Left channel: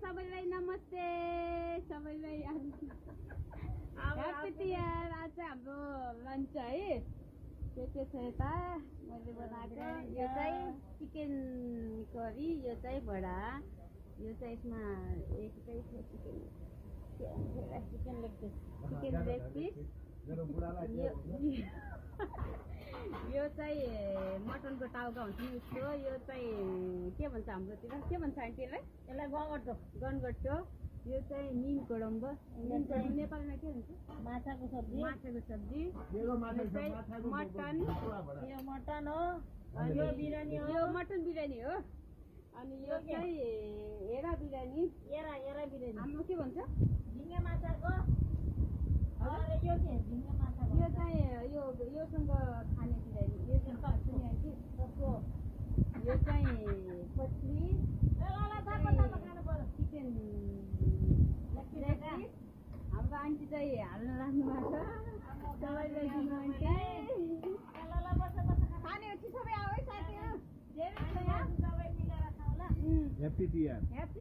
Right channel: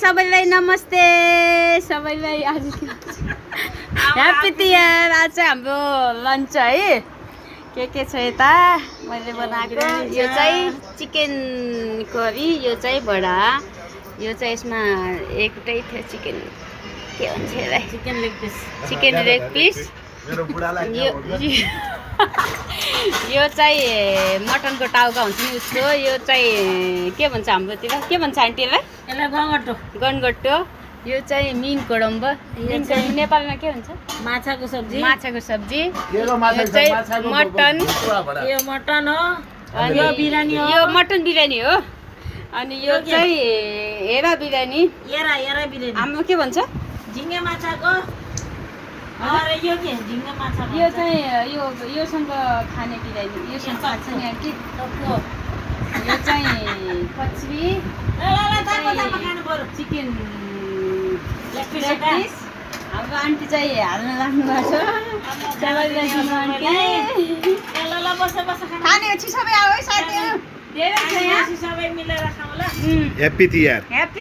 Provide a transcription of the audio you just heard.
सबैलाई नमस्ते सबैलाई आज ह्याप्पी तिहार। आज चाहिँ हाम्रो लन्च है के छ यता मैले बनाएको। यो चाहिँ चिकन करी, यो चाहिँ बडा, यो चाहिँ यसमा एउटै थियो चिकन के भन्छ यसलाई, चिकन लेग पिस। यो चाहिँ मटनको टाउका हुन्छ नि उसको। यो चाहिँ के भन्छ हाम्रोतिर, के भन्छ आन्टीलाई? यसलाई गनगट्टो। यो चाहिँ मिन कोडम्ब, यो चाहिँ नेपालमा के भन्छ? माछाको सब्जी। यो चाहिँ मटन, यो मटन हो अनि यो मटन बिरयानी हो। अनि यो चाहिँ हेरा बिरयानी, हाम्रो के भन्छ? झिङ्गे माछाको। यो चाहिँ योसँग खाने बिरयानी, योसँग खान्छ नि आन्टी। यो चाहिँ कचरी, चिकन लेग पिस। हाम्रो आन्टी चाहिँ हाल्न लाग्नु भएको छ। खाने सबै आऊ है साथीहरू, धेरै छ यहाँ। ह्याप्पी तिहार।